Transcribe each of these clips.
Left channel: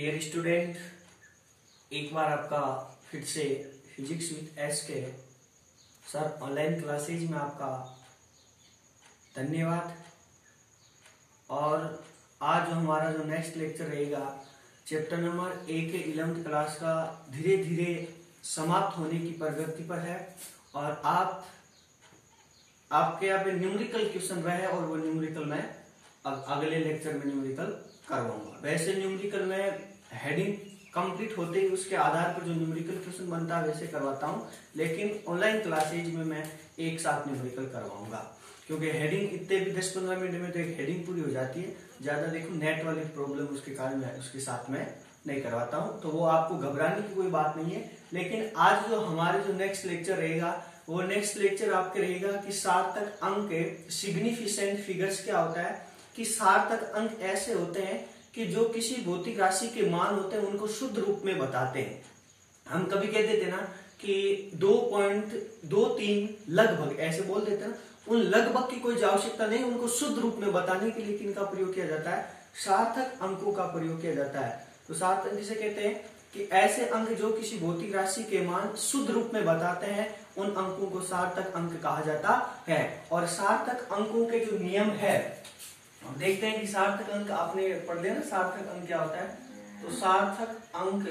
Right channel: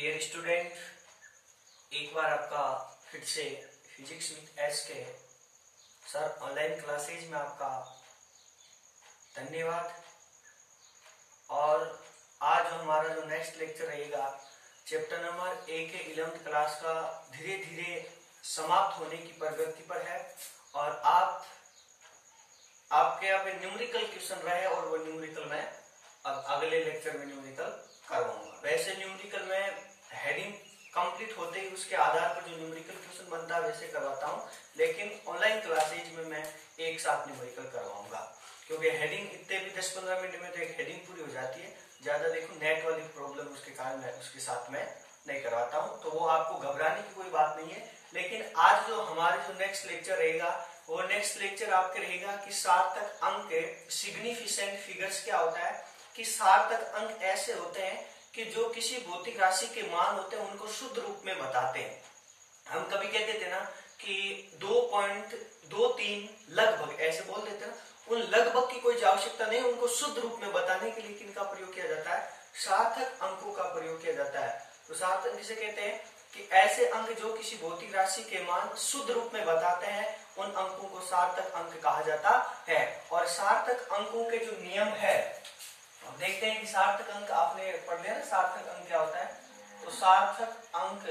Dear student, एक बार आपका फिर से फिजिक्स विद एस के सर ऑनलाइन क्लासेज में आपका धन्यवाद। और आज हमारा जो नेक्स्ट लेक्चर रहेगा चैप्टर नंबर 1 के 11th क्लास का धीरे धीरे समाप्त होने की प्रगति पर है। और आपके यहाँ पे न्यूमेरिकल क्वेश्चन रहे और वो न्यूमेरिकल मैं अगले लेक्चर में न्यूमेरिकल करवाऊंगा। वैसे न्यूमेरिकल में हेडिंग कंप्लीट होते ही उसके आधार पर जो न्यूमेरिकल क्वेश्चन बनता है वैसे करवाता हूँ, लेकिन ऑनलाइन क्लासेज में मैं एक साथ न्यूमेरिकल करवाऊंगा क्योंकि हेडिंग इतने भी 10-15 मिनट में तो एक हेडिंग पूरी हो जाती है। ज्यादा देखो नेट वाली प्रॉब्लम उसके कारण मैं उसके साथ में नहीं करवाता हूँ, तो वो आपको घबराने की कोई बात नहीं है। लेकिन आज जो हमारे जो नेक्स्ट लेक्चर रहेगा वो नेक्स्ट लेक्चर आपके रहेगा कि सार्थक अंक सिग्निफिकेंट फिगर्स क्या होता है। कि सार्थक अंक ऐसे होते हैं कि जो किसी भौतिक राशि के मान होते हैं उनको शुद्ध रूप में बताते हैं। हम कभी कह देते हैं ना कि 2.23 लगभग ऐसे बोल देते हैं, उन लगभग की कोई आवश्यकता नहीं, उनको शुद्ध रूप में बताने के लिए किनका प्रयोग किया जाता है, सार्थक अंकों का प्रयोग किया जाता है। तो सार्थक जिसे कहते हैं कि ऐसे अंक जो किसी भौतिक राशि के मान शुद्ध रूप में बताते हैं उन अंकों को सार्थक अंक कहा जाता है। और सार्थक अंकों के जो नियम है अब देखते हैं कि सार्थक अंक आपने पढ़ लिया ना, सार्थक अंक क्या होता है। तो सार्थक अंक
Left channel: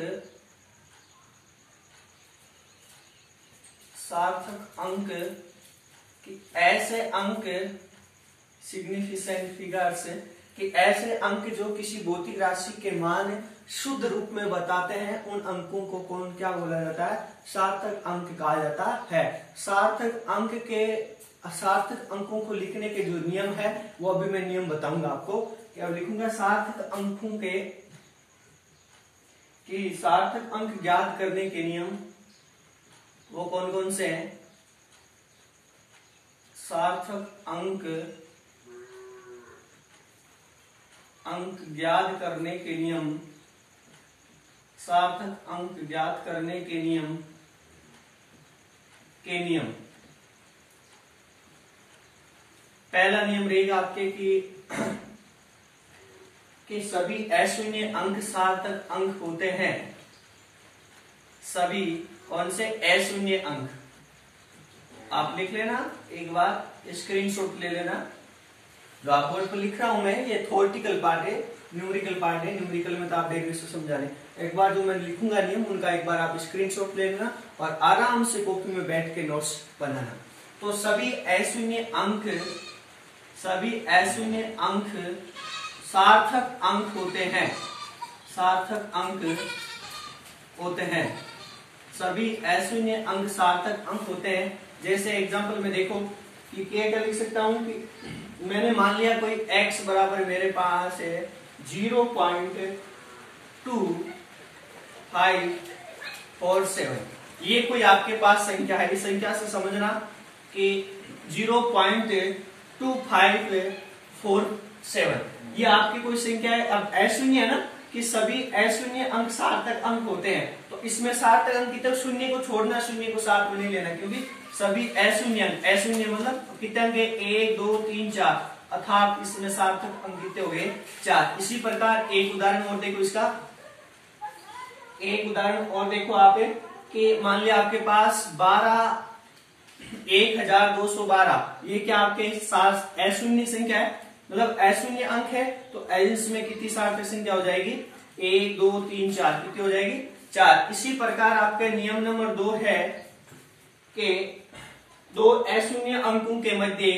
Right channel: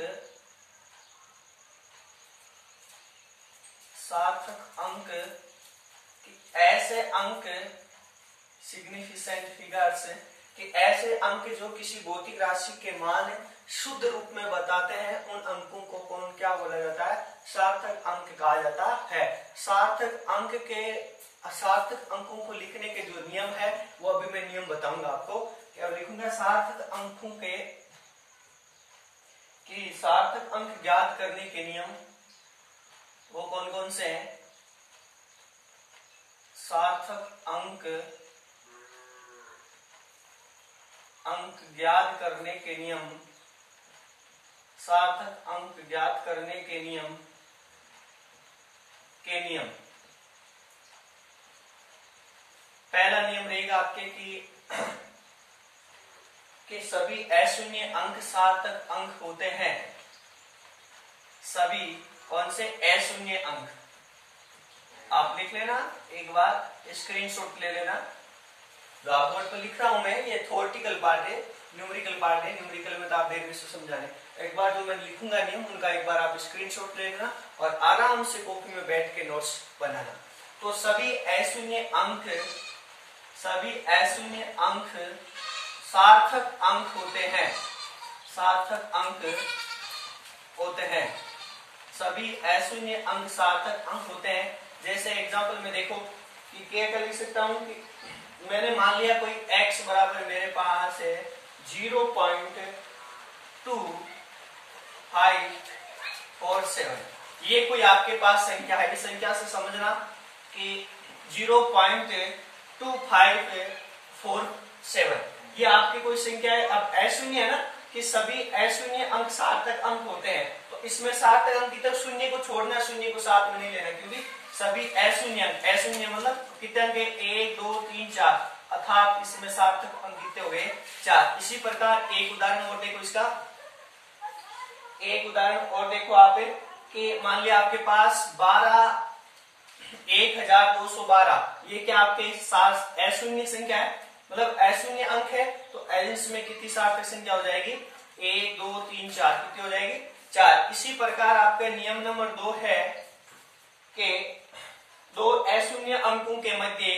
कि ऐसे अंक सिग्निफिकेंट फिगर्स कि ऐसे अंक जो किसी भौतिक राशि के मान शुद्ध रूप में बताते हैं उन अंकों को कौन क्या बोला जाता है, सार्थक अंक कहा जाता है। सार्थक अंकों को लिखने के जो नियम है वो अभी मैं नियम बताऊंगा आपको। क्या लिखूंगा सार्थक अंकों के कि सार्थक अंक ज्ञात करने के नियम वो कौन कौन से हैं। सार्थक अंक ज्ञात करने के नियम, सार्थक अंक ज्ञात करने के नियम पहला नियम रहेगा आपके कि सभी अशून्य अंक सार्थक अंक होते हैं। सभी कौन से अशून्य अंक आप लिख लेना, एक बार स्क्रीनशॉट ले लेना। जो आप बोर्ड पर लिख रहा हूं मैं, ये थ्योरेटिकल पार्ट है, न्यूमेरिकल पार्ट है। न्यूमेरिकल में तो आप देख समझा रहे। एक बार जो मैं लिखूंगा नियम उनका एक बार आप स्क्रीनशॉट ले लेना और आराम से कॉपी में बैठ के नोट्स बनाना। तो सभी अशून्य अंक सार्थक अंक होते हैं। सार्थक अंक होते हैं, सभी अशून्य अंक सार्थक अंक होते हैं। जैसे एग्जांपल में देखो कि क्या लिख सकता हूं कि मैंने मान लिया कोई x बराबर मेरे पास है 0.2547। ये कोई आपके पास संख्या है, इस संख्या से समझना कि 0.2547 ये आपकी कोई संख्या है। अब अशून्य है ना कि सभी अशून्य अंक सार्थक अंक होते हैं, तो इसमें सार्थक अंक की तरफ शून्य को छोड़ना, शून्य को साथ में नहीं लेना, क्योंकि सभी अशून्य मतलब कितने अंक 1 2 3 4 अर्थात इसमें सार्थक अंक कितने हो गए 4। इसी प्रकार एक उदाहरण और देखो, इसका एक उदाहरण और देखो आप कि मान लिया आपके पास 121212, ये क्या आपके साथ अशून्य संख्या है, मतलब अशून्य अंक है। तो इसमें कितनी सार्थक संख्या हो जाएगी 1 2 3 4, कितनी हो जाएगी 4। इसी प्रकार आपका नियम नंबर 2 है कि दो अशून्य अंकों के मध्य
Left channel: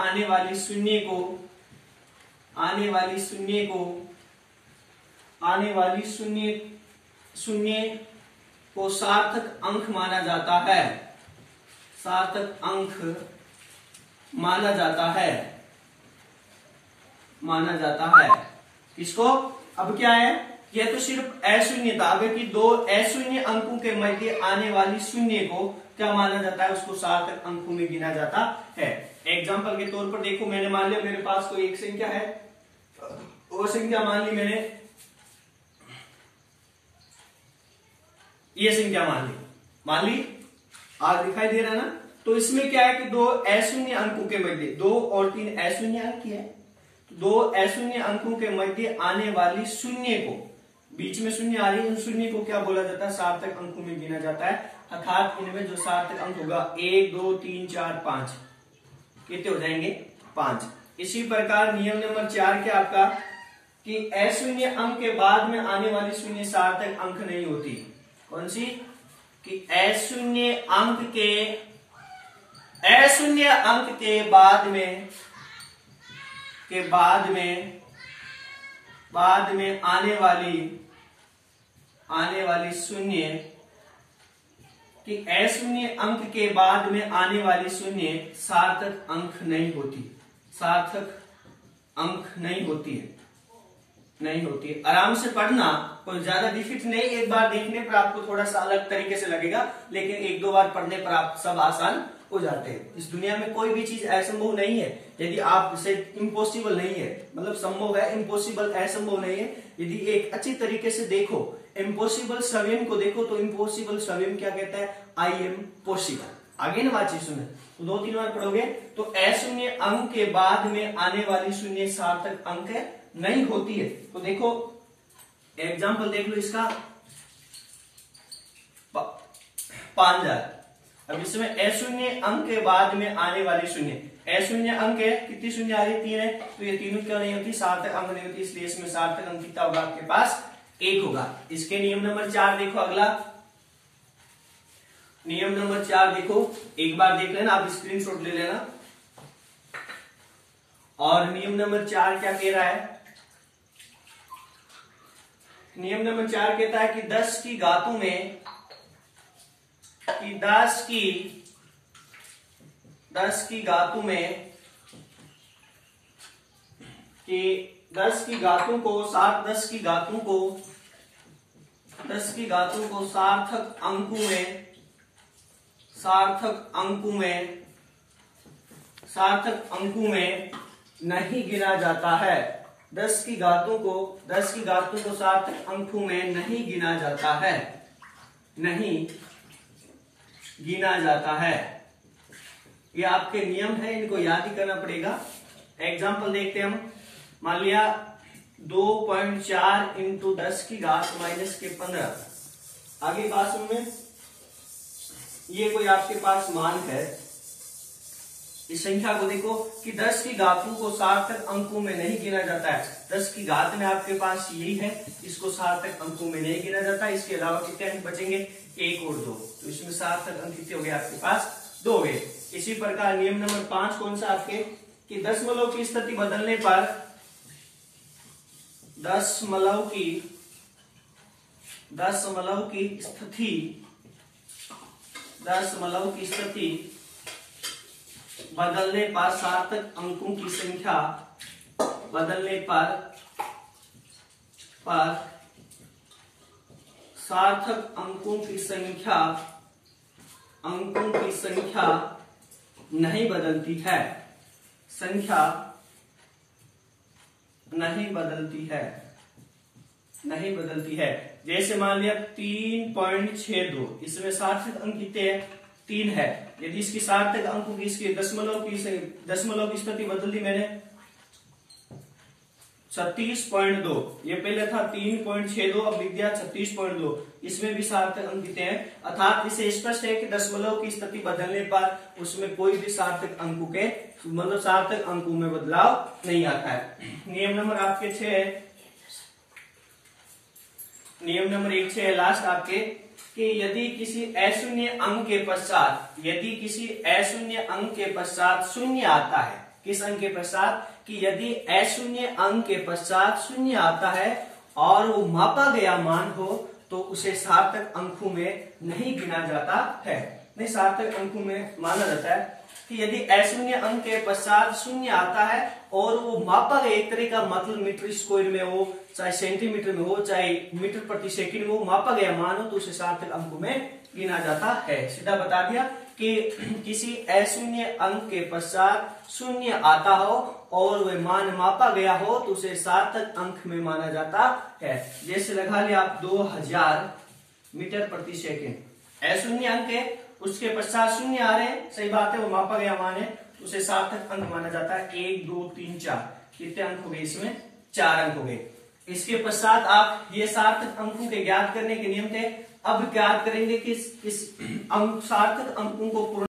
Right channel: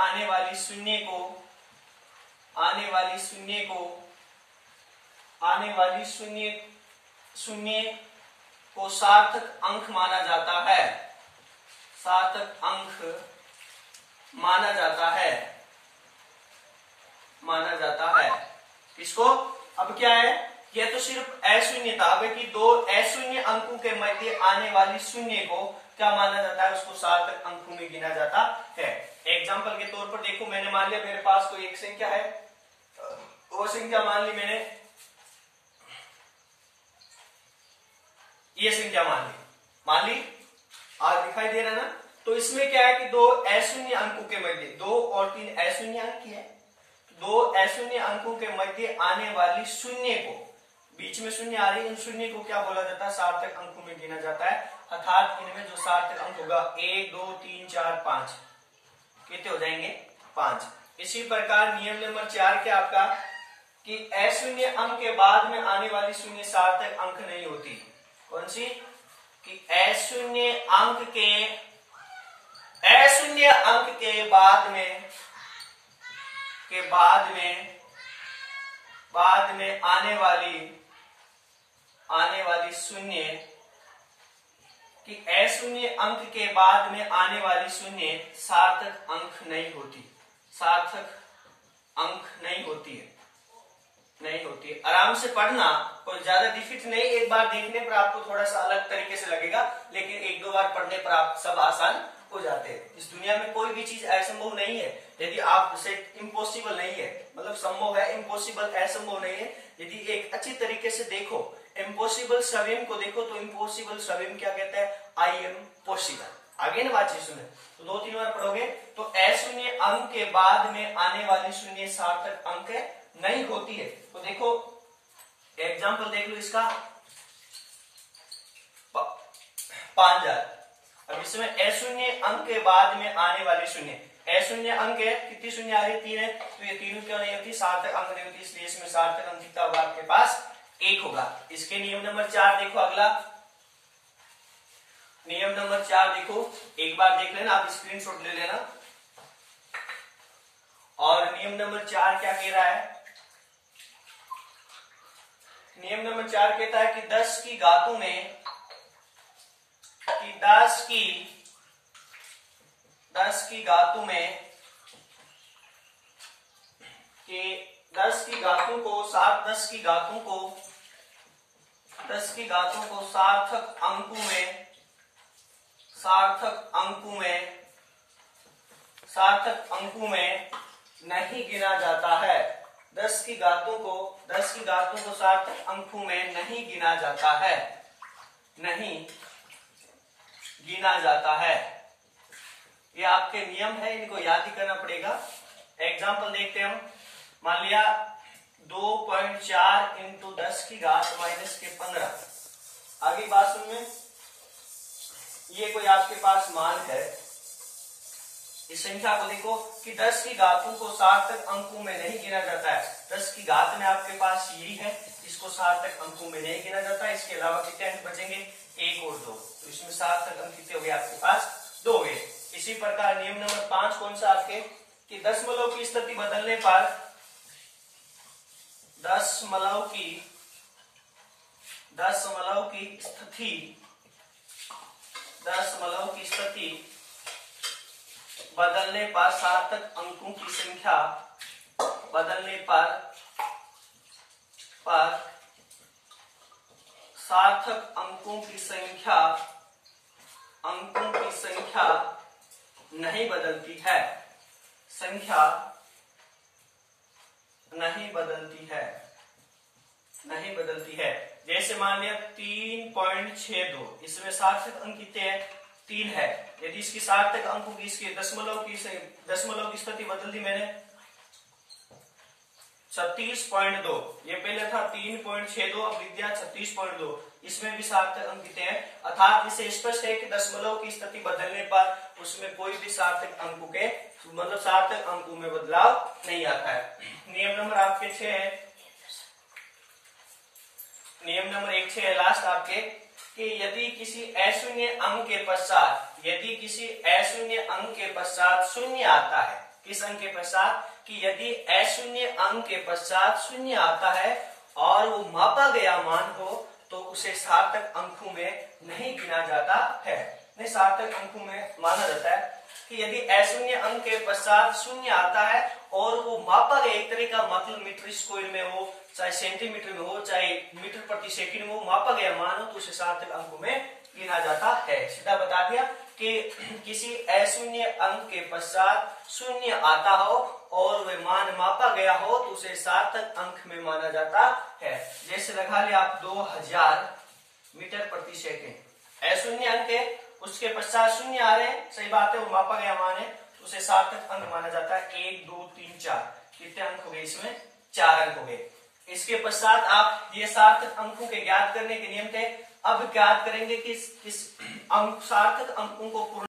आने वाली शून्य को सार्थक अंक माना जाता है। सार्थक अंक माना जाता है किसको। अब क्या है, यह तो सिर्फ अशून्य था। अगर कि दो अशून्य अंकों के मध्य आने वाली शून्य को क्या माना जाता है, उसको सार्थक अंकों में गिना जाता है। एग्जाम्पल के तौर पर देखो, मैंने मान लिया मेरे पास कोई एक संख्या है, वो संख्या मान ली मैंने ये संख्या मान ली आज दिखाई दे रहा है ना। तो इसमें क्या है कि दो अशून्य अंकों के मध्य, 2 और 3 अशून्य अंक है, दो अशून्य अंकों के मध्य आने वाली शून्य को, बीच में शून्य आ रही है, उन शून्य को क्या बोला जाता है, सार्थक अंकों में गिना जाता है। अर्थात इनमें जो सार्थक अंक होगा 1 2 3 4 5, कितने हो जाएंगे, 5। इसी प्रकार नियम नंबर 4 क्या आपका कि अशून्य अंक के बाद में आने वाली शून्य सार्थक अंक नहीं होती। कौन सी, कि अशून्य अंक के बाद में आने वाली शून्य, कि अशून्य अंक के बाद में आने वाली शून्य सार्थक अंक नहीं होती, सार्थक अंक नहीं होती है। आराम से पढ़ना, कोई ज्यादा डिफिकल्ट नहीं, एक बार देखने पर आपको थोड़ा सा अलग तरीके से लगेगा, लेकिन एक दो बार पढ़ने पर आप सब आसान हो जाते हैं। इस दुनिया में कोई भी चीज असंभव नहीं है, यदि आप इसे इम्पॉसिबल नहीं है, मतलब संभव है, इम्पॉसिबल असंभव नहीं है। यदि एक अच्छी तरीके से देखो, इम्पॉसिबल स्वयं को देखो, तो इम्पॉसिबल स्वयं क्या कहता है, आई एम पॉसिबल। आगे ना बातचीत सुने, तो 2-3 बार पढ़ोगे तो अशून्य अंक के बाद में आने वाली शून्य सार्थक अंक नहीं होती है। तो देखो एग्जाम्पल देख लो इसका, 5000। अब इसमें अशून्य अंक के बाद में आने वाली शून्य, अशून्य अंक है, कितनी शून्य आ रही है, 3 है, तो ये तीनों क्यों नहीं होती, सार्थक अंक नहीं होती, इसलिए इसमें सार्थक अंक कितना होगा आपके पास, 1 होगा। इसके नियम नंबर 4 देखो, अगला नियम नंबर 4 देखो, एक बार देख लेना, आप स्क्रीनशॉट ले लेना। और नियम नंबर 4 क्या कह रहा है, नियम नंबर 4 कहता है कि 10 की घातों में, कि 10 की घातों में, कि 10 की घातों को सार्थक अंकों में नहीं गिना जाता है। 10 की घातों को सार्थक अंकों में नहीं गिना जाता है, ये आपके नियम है, इनको याद ही करना पड़ेगा। एग्जाम्पल देखते हैं हम, मान लिया 2.4 इंटू 10 की घात माइनस के 15। आगे बात सुन में, ये कोई आपके पास मान है, इस संख्या को देखो कि 10 की घातों को सार्थक अंकों में नहीं गिना जाता है। 10 की घात में आपके पास यही है, इसको सार्थक अंकों में नहीं गिना जाता। इसके अलावा कितने अंक बचेंगे, 1 और 2, तो इसमें सार्थक अंक कितने हो गए आपके पास, 2 हो गए। इसी प्रकार नियम नंबर 5 कौन सा आपके, कि दशमलव की स्थिति बदलने पर, दशमलव की स्थिति बदलने पर सार्थक अंकों की संख्या, सार्थक अंकों की संख्या नहीं बदलती है, नहीं बदलती है। जैसे मान लिया 3.62, इसमें सार्थक अंक कितने हैं, 3 है। यदि इसकी सार्थक अंकों की, इसके दशमलव की स्थिति बदल दी मैंने, 36.2, ये पहले था 3.62, अब लिख दिया 36.2, इसमें भी सार्थक अंक कितने हैं। अर्थात इससे स्पष्ट है कि दशमलव की स्थिति बदलने पर उसमें कोई भी सार्थक अंकों के, मतलब सार्थक अंकों में बदलाव नहीं आता है। नियम नंबर आपके 6 है, नियम नंबर 6 है लास्ट आपके, कि यदि किसी अशून्य अंक के पश्चात शून्य आता है, किस अंक के पश्चात, कि यदि अशून्य अंक के पश्चात शून्य आता है और वो मापा गया मान हो, तो उसे सार्थक अंकों में नहीं गिना जाता है, नहीं सार्थक अंकों में माना जाता है। कि यदि अशून्य अंक के पश्चात शून्य आता है और वो मापा गया, एक तरह का मतलब मीटर स्क्वायर में हो, चाहे सेंटीमीटर में हो, चाहे मीटर प्रति सेकंड में हो, मापा गया मान हो, तो उसे सार्थक अंकों में गिना जाता है। सीधा बता दिया कि किसी अशून्य अंक के पश्चात शून्य आता हो और वह मान मापा गया हो, तो उसे सार्थक अंक में माना जाता है। जैसे लगा लिया आप 2000 मीटर प्रति सेकेंड। अशून्य अंक है, उसके पश्चात शून्य आ रहे हैं, सही बात है, वो मापा गया मान है, उसे सार्थक अंक माना जाता है। 1 2 3 4 कितने अंक हो गए इसमें? 4 अंक हो गए। इसके पश्चात आप ये सार्थक अंकों के ज्ञात करने के नियम थे। अब ज्ञात करेंगे कि किस सार्थक अंकों को